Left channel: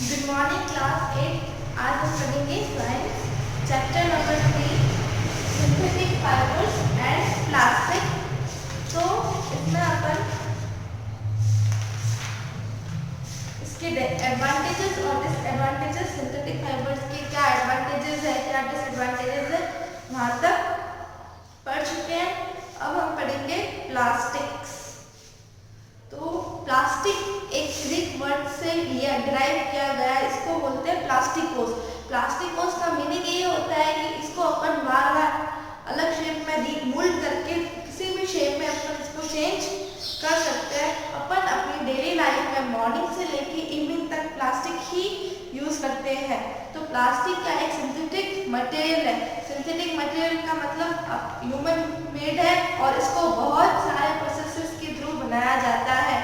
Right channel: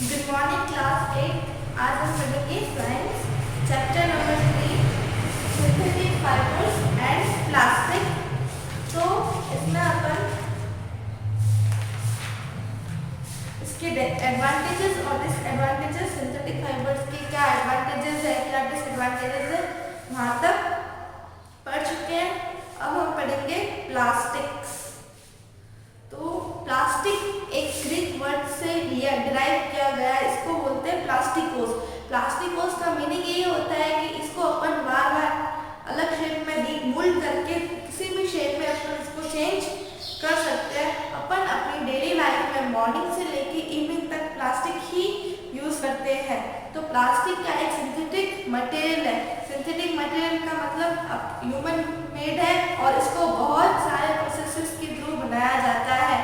Good morning class 8। आज हम पढ़ेंगे science chapter number 3 synthetic fibres and plastic. तो इसमें अपन इसके एडवांटेजेस और डिसएडवांटेजेस, सिंथेटिक फाइबर्स के क्या एडवांटेजेस है क्या डिसएडवांटेजेस है वहाँ तक पढ़ चुके हैं। अब हम पढ़ेंगे प्लास्टिक्स। तो प्लास्टिक एक ग्रीक वर्ड से डिराइव किया गया है, इसको बोलते हैं प्लास्टिकोस। प्लास्टिकोस का मीनिंग ये होता है कि इसको अपन बार बार अलग शेप में मोल्ड करके किसी भी शेप में अपन इसको चेंज कर सकते हैं। अपन अपनी डेली लाइफ में मॉर्निंग से लेके इवनिंग तक प्लास्टिक ही यूज करते हैं। तो प्लास्टिक का एक सिंथेटिक मटेरियल है। सिंथेटिक मटेरियल का मतलब ह्यूमन मेड है और इसको बहुत सारे प्रोसेसेस के थ्रू बनाया जाता है,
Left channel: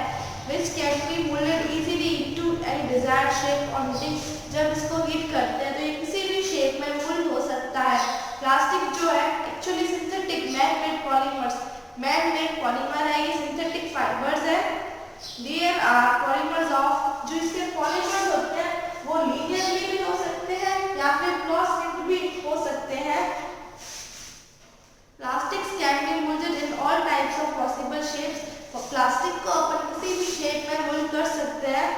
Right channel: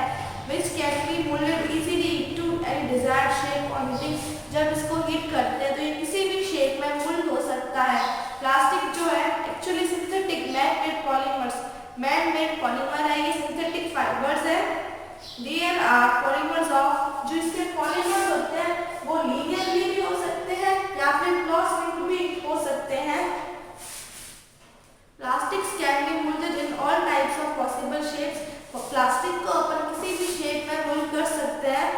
which can be molded easily into any desired shape on heating। जब इसको हीट करते हैं तो ये किसी भी शेप में मोल्ड हो सकता है। प्लास्टिक जो है actually synthetic man made polymer है, ये सिंथेटिक फाइबर्स है। देयर आर पॉलीमर्स ऑफ, जो इसके पॉलीमर्स होते हैं वो लीनियरली भी हो सकते हैं या फिर क्रॉस लिंक्ड भी हो सकते हैं। Plastics can be moulded in all types of possible shapes. Plastic को अपन किसी भी शेप में मोल्ड कर सकते हैं।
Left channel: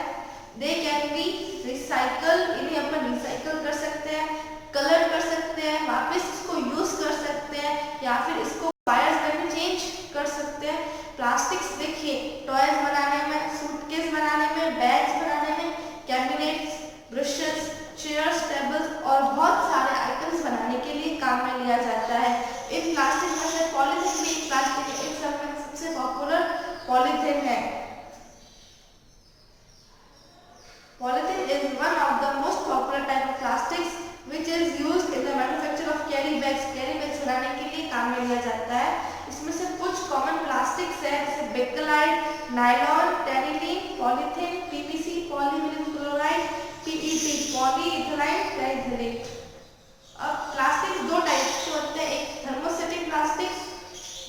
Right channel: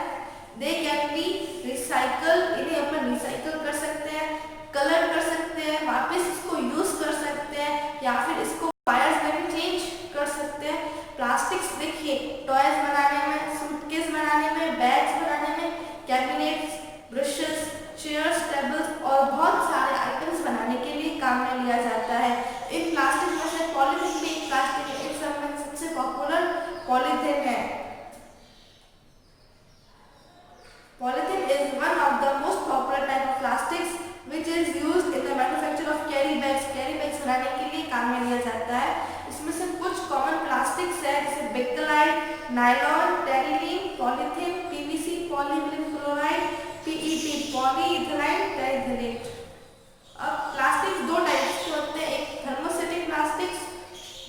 दे कैन बी रिसाइकल, इन्हें अपन रिसाइकल कर सकते हैं, कलर कर सकते हैं, वापस इसको यूज कर सकते हैं या फिर इसको वायर्स में भी चेंज कर सकते हैं। प्लास्टिक्स देखिए टॉयज बनाने में, सूटकेस बनाने में, बैग्स बनाने में, कैबिनेट्स, ब्रशेस, चेयर्स, टेबल्स और बहुत सारे आइटम्स बनाने के लिए काम में लिया जाता है। इन प्लास्टिक में से पॉलीथीन भी एक प्लास्टिक है। इन सब में सबसे पॉपुलर पॉलीथीन है। Polythene is one of the most popular type of plastics which is used in the manufacture of carry bags। Carry bags बनाने के लिए काम में लिया जाता है। इसमें से कुछ कॉमन प्लास्टिक्स है जैसे Bakelite, nylon, Terylene, polythene, PVC, polyvinyl chloride, PET, polyethylene terephthalate. अब प्लास्टिक्स दो टाइप्स के होते हैं, एक thermosetting plastics,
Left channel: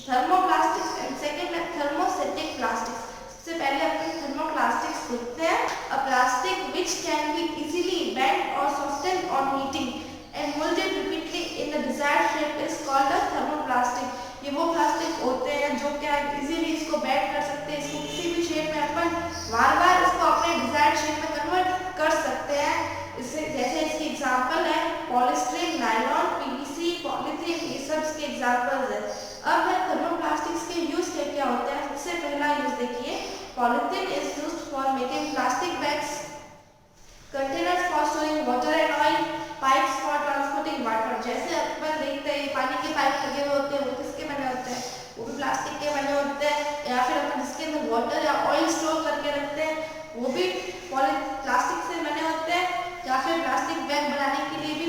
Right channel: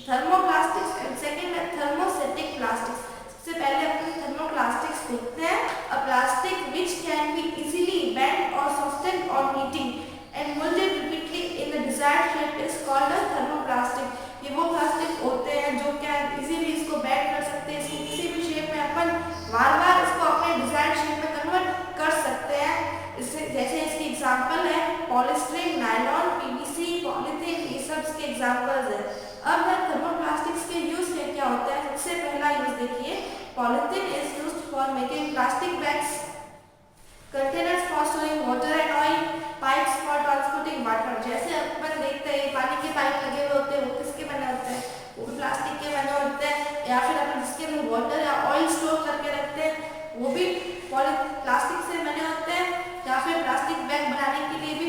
thermoplastics and second है थर्मोसेटिक प्लास्टिक्स। सबसे पहले अपन थर्मोप्लास्टिक्स देखते हैं। A plastic which can be easily bent or softened on heating and molded repeatedly in the desired shape is called a thermoplastic। ये वो प्लास्टिक होते हैं जो क्या इजीली इसको बेंड कर सकते हैं, इसको किसी भी शेप में अपन बार बार इसको अपने डिजायर्ड शेप में कन्वर्ट कर सकते हैं। इससे जैसे इसकी एग्जांपल है पॉलीस्टीरीन, नायलॉन, पीवीसी, पॉलीथीन, ये सब इसके एग्जांपल्स है। अब है थर्मोप्लास्टिक्स के यूज क्या क्या होता है। सबसे पहला यूज देखिए, polythene is used for making plastic bags, containers for storing water and oil, pipes for transporting water. जैसे अपन देखते हैं पानी के पाइप लगे हुए होते हैं, वो किसके बने होते हैं, वो भी प्लास्टिक के बने होते हैं। या फिर अपन जिसके अंदर वाटर या ऑयल स्टोर करके रखते हैं वो भी प्लास्टिक से बने होते हैं। या फिर प्लास्टिक बैग बनाने के लिए भी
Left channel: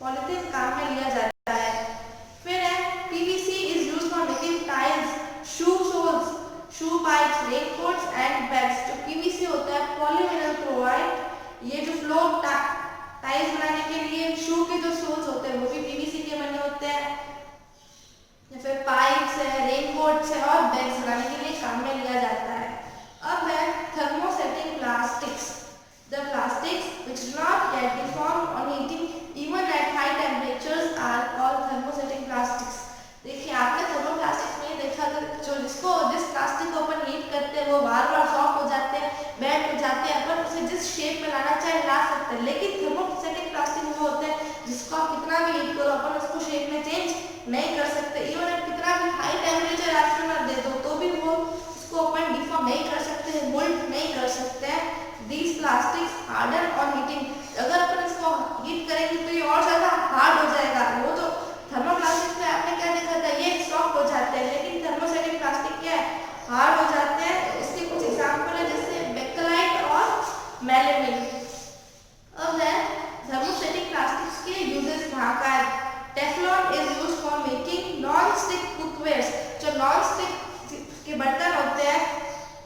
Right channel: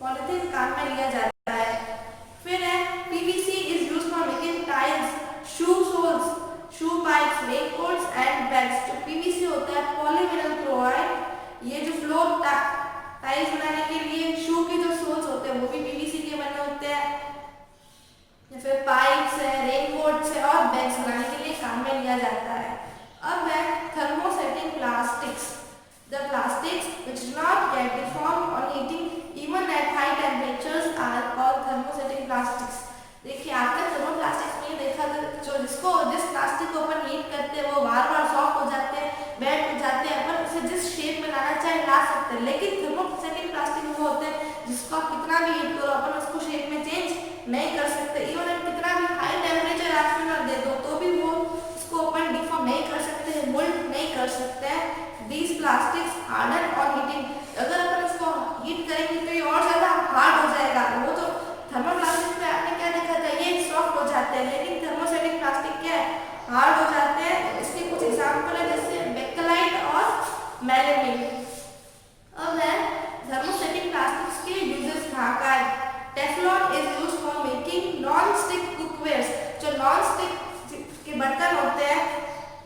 पॉलीथीन काम में लिया जाता है। फिर है PVC is used for making tiles, shoe soles, shoe pipes, raincoats and bags. जो पीवीसी होता है पॉलीविनाइल क्लोराइड, ये जो फ्लोर टाइल्स बनाने के लिए शू के जो सोल्स होते हैं वो भी पीवीसी के बने होते हैं। या फिर पाइप्स है, रेनकोट्स है और बैग्स बनाने के लिए काम में लिया जाता है। अब है thermosetting plastics. The plastics which do not get deformed on heating even at high temperatures are called thermosetting plastics। देखिए आपने थर्मोप्लास्टिक्स में ये देखा था, जिस प्लास्टिक को अपन हीट करते हैं वो बार बार सॉफ्ट हो जाते हैं, बेंड हो जाते हैं, अपन उसे जिस शेप में लाना चाहे ला सकते हैं। लेकिन थर्मोसेटिंग प्लास्टिक वो होते हैं जिसको आप कितना भी हीट करो अपन उसको शेप में चेंज नहीं कर सकते। इवन कितना भी हाई टेम्परेचर आप दे दो तो भी वो इसको अपन डिफॉर्म नहीं कर सकते, मोल्ड नहीं कर सकते हैं। These plastics harden on heating। अगर अपन इसको हीट करेंगे तो ये और ज़्यादा हार्ड हो जाएगा। वो तो थर्मोप्लास्टिक में आपने क्या देखा था, ये सॉफ्ट हो जाते हैं, लेकिन थर्मोसेटिक प्लास्टिक क्या है, हार्ड हो जाते हैं। इसके कुछ एग्जाम्पल है जैसे बेकेलाइट और मेलामाइन। अब है थर्मोसेटिक प्लास्टिक्स के यूजेस कहाँ का है। Teflon is used for making non stick cookwares. जो नॉन स्टिक के बर्तन होते हैं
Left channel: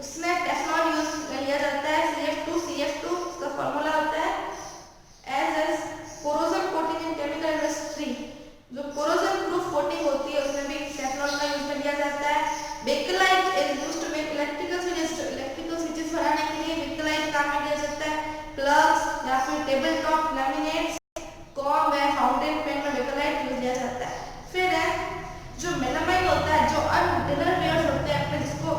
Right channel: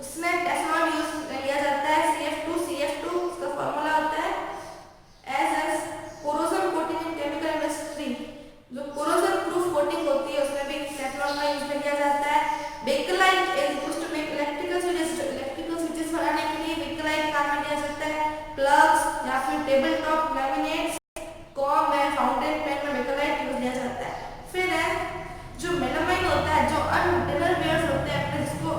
उसमें टेफ्लॉन यूज लिया जाता है। CF2 उसका फॉर्मूला होता है as corrosion coating in chemical industry. जो कोरोजन प्रूफ कोटिंग होती है उसमें भी टेफ्लॉन का यूज में लिया जाता है। Bakelite is used to make फिर टेबल टॉप लैमिनेट्स, कॉम है, फाउंटेन पेन में बेकलाइट यूज लिया जाता है। फिर है जो मेलामाइन होता है, जो डिनर वेयर्स होते हैं अपने, जिसको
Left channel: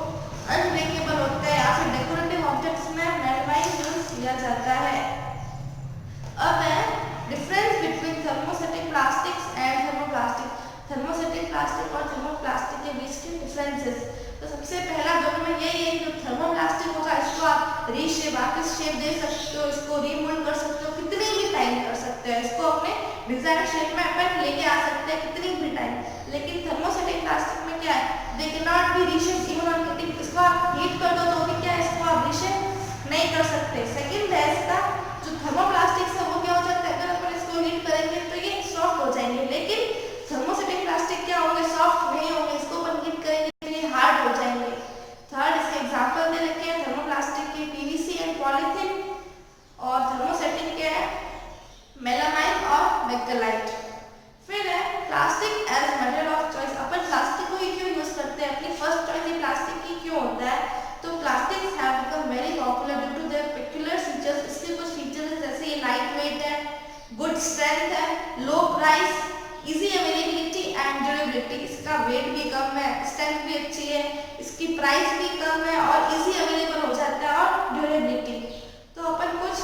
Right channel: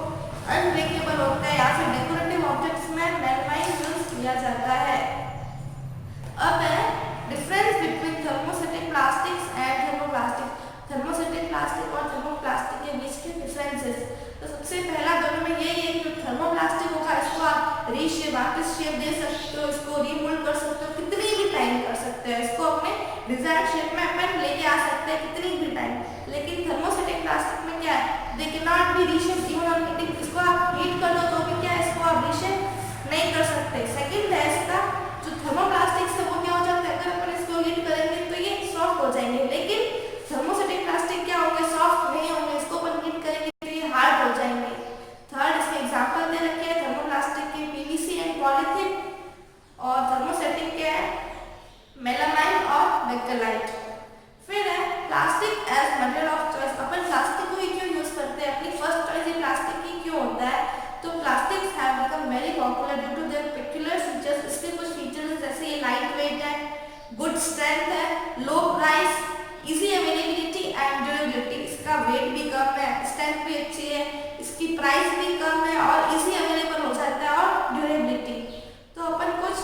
अनब्रेकेबल होता है या फिर डेकोरेटिव ऑब्जेक्ट्स में मेलामाइन यूज किया जाता है। अब है difference between thermosetting plastics and thermoplastic. Thermosetting plastic और थर्मोप्लास्टिक के बीच के डिफरेंसेस, तो सबसे पहला दोनों में यही है कि जो थर्मोप्लास्टिक होगा इसको आप रीशेप, वापस शेप दे सकते हो, इसको रीमोल्ड कर सकते हो, कितनी भी टाइम कर सकते हो, इसको अपने डिजायर्ड शेप में अपन लेके आ सकते हैं कितनी भी टाइम। लेकिन थर्मोसेटिक प्लास्टिक में क्या है, they can not be reshape even on heating, इसको आप हीट कर दो तो भी क्या है, इसको आप रीशेप नहीं कर सकते। सेकेंड है इसका जो थर्मोप्लास्टिक है वो क्या हो जाता है, अगर अपन इसको हीट करेंगे तो ये सॉफ्ट हो जाएंगे, लेकिन थर्मोसेटिक प्लास्टिक क्या होंगे, सॉफ्ट नहीं होंगे, इसको अपन हीट करेंगे तो ये हार्ड हो जाएंगे। थर्ड इसके एग्जांपल दे रखे हैं थर्मोप्लास्टिक के पीवीसी एंड पॉलीथीन, और थर्मोसेटिक के है मेलामाइन और बेकलाइट। फिर है plastic as material of choice. अपन प्लास्टिक को ही क्यों यूज करते हैं, अपनी फर्स्ट चॉइस ही प्लास्टिक ही क्यों होता है, तो plastics have become very popular due to their peculiar features. इसके कुछ फीचर्स जैसे ये लाइट वेट है, गुड स्ट्रेंथ है, low price, easy availability and durability. इसका वेट भी कम है, स्ट्रेंथ भी अच्छी है, इसकी प्राइस भी कम है और इजी अवेलेबल हो जाता है, और ड्यूरेबिलिटी। तो अपन कुछ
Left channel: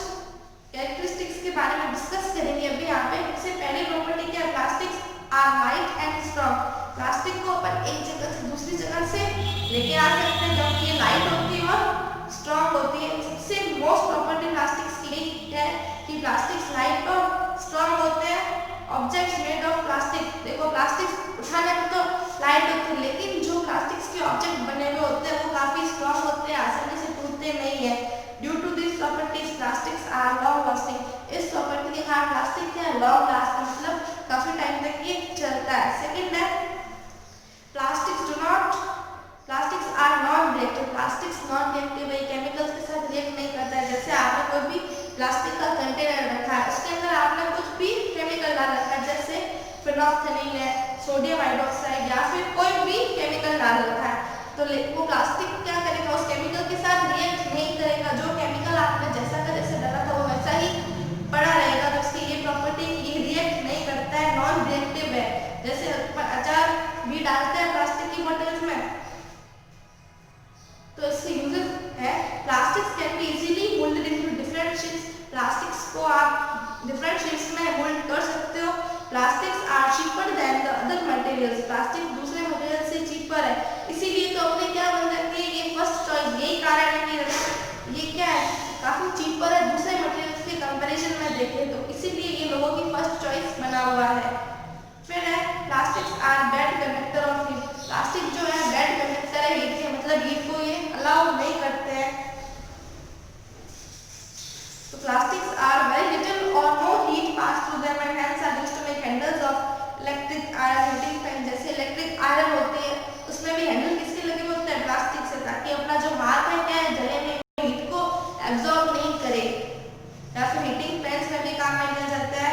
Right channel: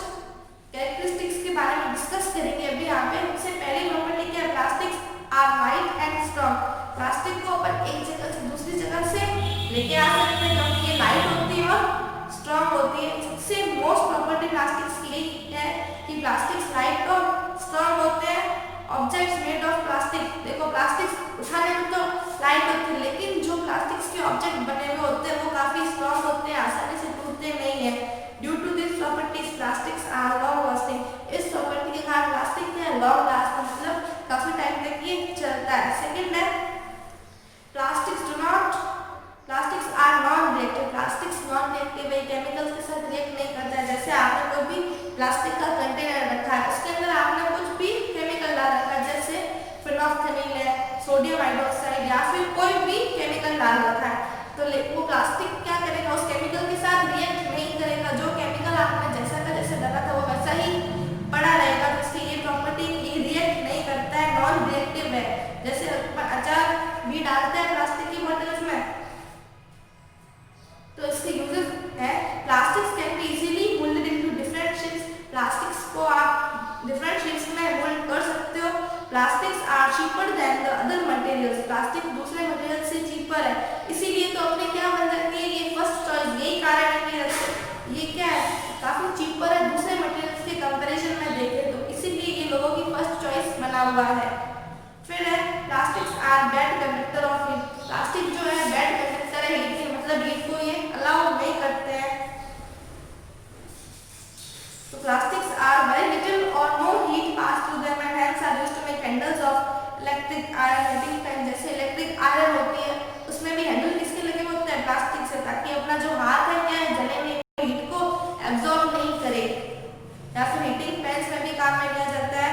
कैरेक्टरिस्टिक्स के बारे में डिस्कस करेंगे अभी यहाँ पे। सबसे पहली प्रॉपर्टी क्या है, plastics are light and strong. Plastic को अपन एक जगह से दूसरी जगह से लेके आ सकते हैं क्योंकि ये लाइट होती है और स्ट्रॉन्ग होती है। सबसे मोस्ट प्रॉपर्टी प्लास्टिक्स की यही है कि प्लास्टिक्स लाइट और स्ट्रॉन्ग होते हैं। ऑब्जेक्ट्स मेड ऑफ प्लास्टिक, देखो प्लास्टिक्स उठाने में तो लाइट होती है, लेकिन जो प्लास्टिक्स के ऑब्जेक्ट बने हुए होते हैं वो काफी स्ट्रॉन्ग होते हैं, आसानी से टूटते नहीं है। Due to this properties plastics are long lasting. इस प्रॉपर्टी के कारण प्लास्टिक क्या है, लॉन्ग लास्ट, मतलब काफी टाइम तक ये चलता है। सेकेंड है plastics are non reactive. Plastics non reactive है, केमिकल्स के साथ रिएक्ट नहीं करता है। जैसे आपने कोई भी प्लास्टिक का कंटेनर रखा है, उसके अंदर आपने कुछ भी केमिकल डाल रखा है, जैसे फिनोल्फथालीन है, सोडियम हाइड्रोक्साइड या फिर कोई भी केमिकल डाल रखा है, तो वो प्लास्टिक क्या करेगा, उस केमिकल के साथ रिएक्ट नहीं करेगा। जो केमिकल आपने जैसा का जैसे डाला था वो वैसा ही पड़ा रहेगा, तो उसकी ये प्रॉपर्टी, ये रिएक्ट नहीं करता है, नॉन रिएक्टिव है। जैसे अपन अचार भी डालते हैं प्लास्टिक की बोतल्स में, तो इसके यूजेस है plastics can be easily moulded into different shapes. Plastics को आप डिफरेंट शेप्स में मोल्ड कर सकते हो। Plastics are cheaper than the other materials. Plastic दूसरे मटेरियल से चीपर है, इसीलिए तो अपने क्या बन जाती है, ये फर्स्ट चॉइस। यही कारण है कि ये क्या है, काफी चीपर है दूसरे मटेरियल्स के कंपैरिजन में देखें तो, इसीलिए ये लोगों की फर्स्ट चॉइस बना हुआ है। फिर है plastics are bad conductor of heat. Plastic जो है बैड कंडक्टर है हीट के, मतलब हीट को ये अलाउ नहीं करते हैं। तो प्लास्टिक्स आर वेरी लिटिल और no heat pass through them and hence are used to make handles of electric iron heating fan. जैसे इलेक्ट्रिक आयरन होती है उसमें भी हैंडल किसके लगे होते हैं, प्लास्टिक से, ताकि अपना जो हाथ है क्या है, जले में हीट को एब्जॉर्ब नहीं करे। या फिर हीटिंग फैंस में भी काम में लिया जाता है।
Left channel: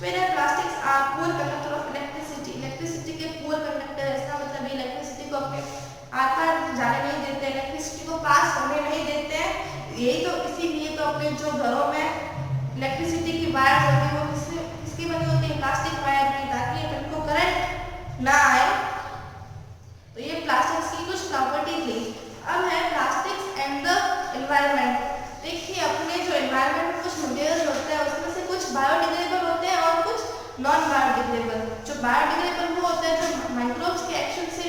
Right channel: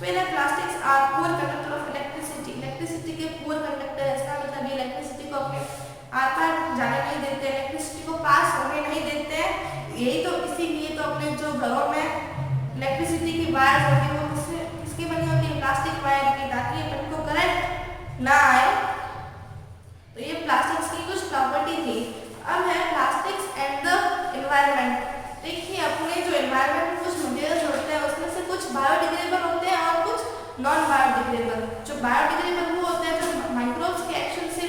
फिर है plastics are poor conductor of electricity. Electricity के पुअर कंडक्टर है, इसका मतलब इलेक्ट्रिसिटी को अपने आर पार जाने नहीं देते, इलेक्ट्रिसिटी को पास होने नहीं देते हैं। यही तो, इसीलिए तो अपने जो घरों में इलेक्ट्रिसिटी की वायर होती है वो किसकी बनी होती है, प्लास्टिक वायर की, ताकि अपन को करंट ना आए। तो ये प्लास्टिक्स की कुछ प्रॉपर्टी थी। अब है प्लास्टिक्स एंड द एनवायरनमेंट। देखिए अपने जो एनवायरनमेंट में कुछ मटेरियल्स होते हैं उसमें से कुछ बायोडिग्रेडेबल होते हैं और कुछ नॉन बायोडिग्रेडेबल। जो बायोडिग्रेडेबल वो होते हैं जो माइक्रोब्स के एक्शन से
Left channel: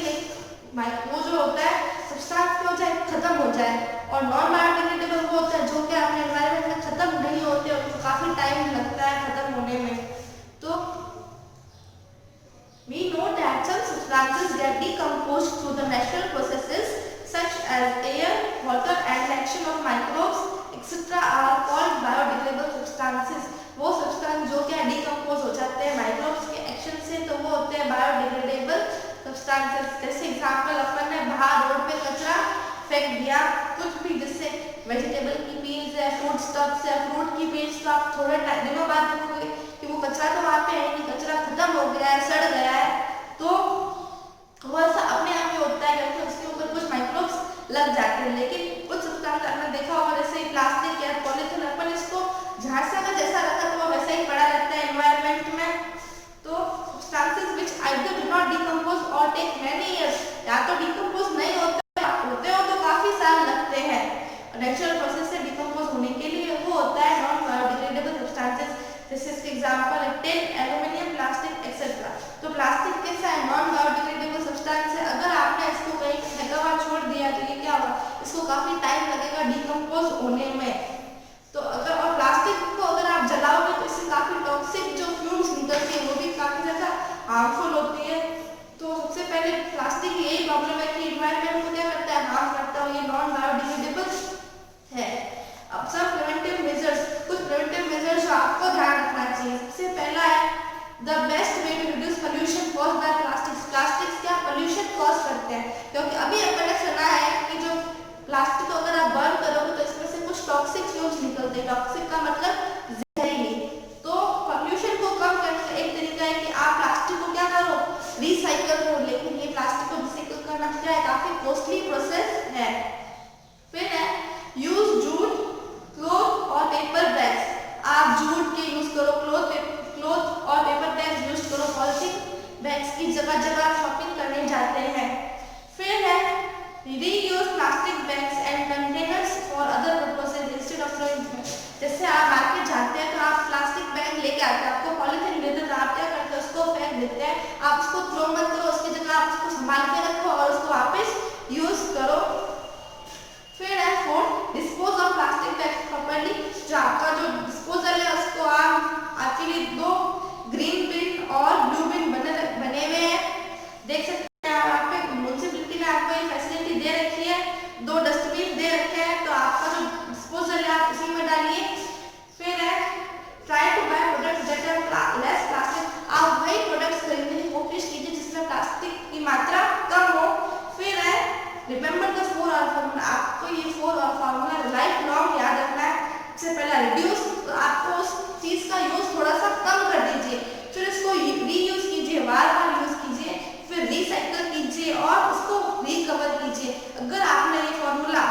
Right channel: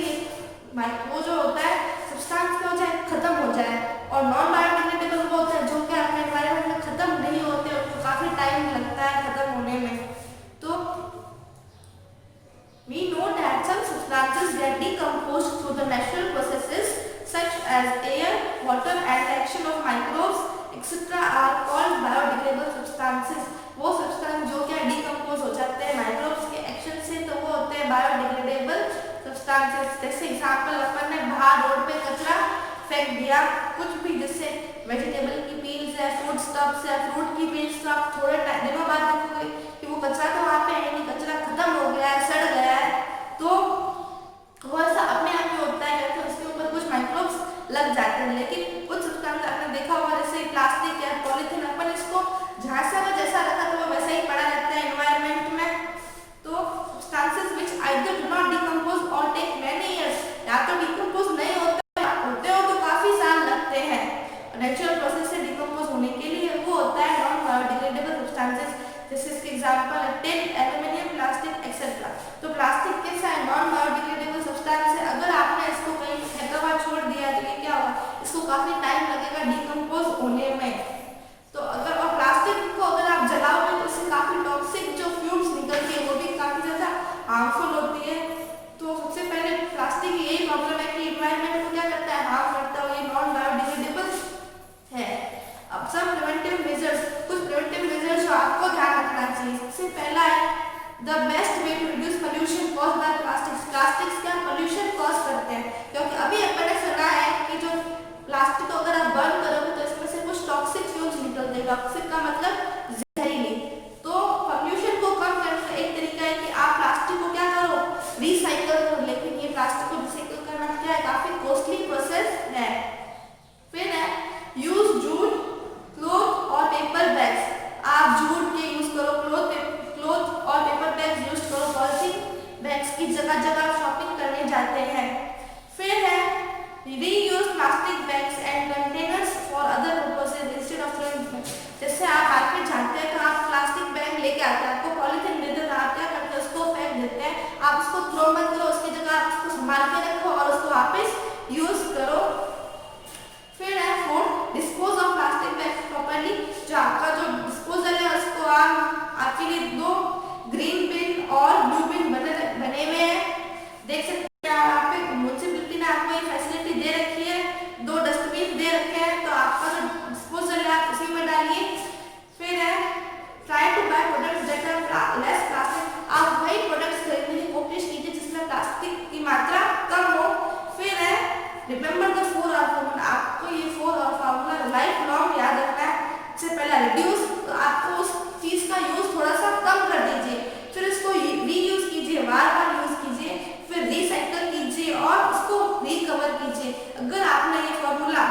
वो जो होता है सब्सटेंस क्या हो जाए, खत्म हो जाए, और नॉन बायोडिग्रेडेबल वो होता है जो कि अपने एनवायरनमेंट में खत्म नहीं होते, उनको काफी टाइम लगता है खत्म होने में। तो we know that some substances get decomposed through the natural processes such as air, water and the action of microbes etc. are called biodegradable substances. वो सब्सटेंस जो क्या डिकम्पोज हो जाते हैं माइक्रोब्स के एक्शन से, तो वो होते हैं बायोडिग्रेडेबल सब्सटेंसेस। जैसे एग्जांपल अपन ने बाहर रोड पे कचरा फेंक दिया, कुछ भी, जैसे वेजिटेबल की पील्स है, फूड स्टफ्स है, फ्रूट की पील्स, तो आप थोड़े दिनों बाद देखोगे कि वो कचरा तो वहाँ पे है नहीं, कचरा खत्म हो गया है, सड़ गया है। तो वो ऐसा अपने आप ही होता है क्योंकि उसके ऊपर कुछ माइक्रोब्स लग जाते हैं। लेकिन कुछ सब्सटेंस आपने देखा होगा जैसे प्लास्टिक या पॉलीथीन, अपन इसको जहाँ से अगर और टेक मैनी ईयर्स, या तो डिकम्पोज नहीं होते हो तो काफी साल लगते हैं। नेचुरल प्रोसेस से डिकम्पोज होने के लिए वो होता है नॉन बायोडिग्रेडेबल सब्सटेंसेस, जैसे इसके एग्जांपल है टिन, एल्यूमिनियम, प्लास्टिक एक्सेट्रा। तो प्लास्टिक कैसा है, नॉन बायोडिग्रेडेबल सब्सटेंस है। अगर आपने इसको कहीं फेंका हुआ छोड़ दिया तो ये क्या होगा, इसको काफी टाइम लगेगा डिकम्पोज होने में। तो अगर और प्लास्टिक को अगर आप जलाओगे तो इससे काफी टॉक्सिक जो फ्यूम्स निकलती है वो भी काफी ज्यादा हार्मफुल होती है। तो सबसे पहले प्लास्टिक की यही प्रॉब्लम है कि एनवायरनमेंट को क्या करता है, हार्म करता है, ये नॉन बायोडिग्रेडेबल है। अब सब प्रिवेंटिव मेजर्स, कुछ प्रिवेंटिव मेजर्स जो आपको ध्यान रखना चाहिए। सबसे पहला है the best way to reduce pollution caused by plastics. Plastics क्या पोल्यूशन कॉज करते हैं, क्योंकि अभी अपन ने सुना है कि जो प्लास्टिक को अगर आप बर्न करोगे तो इसमें से कुछ टॉक्सिक फ्यूम्स निकलते हैं। टॉक्सिक का मतलब जहरीले। तो पोल्यूशन को कम करने का एक तरीका है कि आप प्लास्टिक को क्या करो, रिसाइकल करो। लेकिन ये प्लास्टिक को रिसाइकल करना क्या है, काफी कॉस्टली प्रोसेस है। फिर है यूज जूट, क्लॉथ और पेपर बैग्स। आप जूट के यूज करो, क्लॉथ और पेपर बैग्स यूज करो, पॉलिथीन बैग्स की जगह जगह शॉपिंग करने जाते हैं। फिर है reuse plastic bags and containers for other purposes instead of throwing. जैसे आप मार्केट जाते हैं तो आप प्लास्टिक बैग लेके आते हैं, आपको पॉलिथीन देते हैं तो आप क्या करते हैं, उसको फेंक देते हैं। आप उसको थ्रो मत करो, उसकी जगह आप उसको संभाल के रखो और उसको वापस यूज करो। फिर है fourth, dispose of plastic bag properly. जो आपका जो डिस्पोजल है उसको आपके लिए 2 ग्रीन बिन और ब्लू बिन बने हुए हैं, देख सकते हैं आप पे। म्युनिसिपैलिटी ने आपको ये फैसिलिटी दे रखी है, 2 डस्टबिन दे रखे हैं, तो आपका जो डिस्पोजल है आप उसी में डालिए। फिर है try to buy products that are less plastic. आप वही प्रोडक्ट्स खरीदने की कोशिश कीजिए जिसमें प्लास्टिक की मात्रा कम हो। फिर है रिमेंबर द 4R फॉर्मूला। आपको ये 4R फॉर्मूला लाइफ लॉन्ग याद रखना है। सबसे पहला रिड्यूस, तो आपको उस चीज का यूज थोड़ा सा कम कर दीजिए। फिर इसको रीयूज कीजिए, बार बार यूज कीजिए। फिर रिसाइकल कीजिए और उसको रिकवर कीजिए। अगर आपने ये फॉर्मूला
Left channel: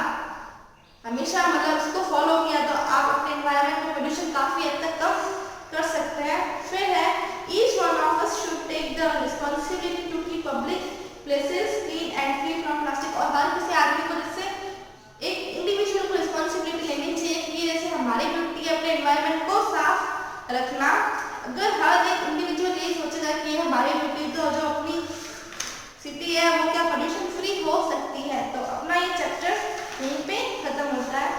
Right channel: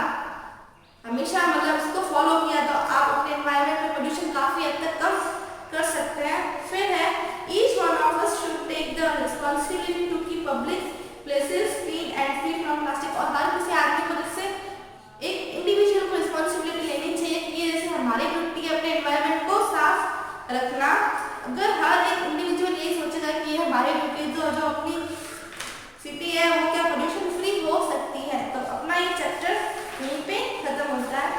हमेशा मतलब इसको फॉलो किया तो आप अपने एनवायरनमेंट में पोल्यूशन काफी हद तक कम कर सकते हैं। फिर है each one of us should take the responsibility to keep public places clean and free from plastic. और हर किसी आदमी को इससे एक इंडिविजुअल को रिस्पांसिबिलिटी लेनी चाहिए कि ये जैसे हमारी ड्यूटी है अपने एनवायरनमेंट को साफ रखना। अगर हर एक इंडिविजुअल यही सोचेगा कि ये हमारी ड्यूटी, तो जो अपनी सिटी है वो क्या पोल्यूशन फ्री हो सकती है। तो अपना ये चैप्टर यहीं पे खत्म होता है।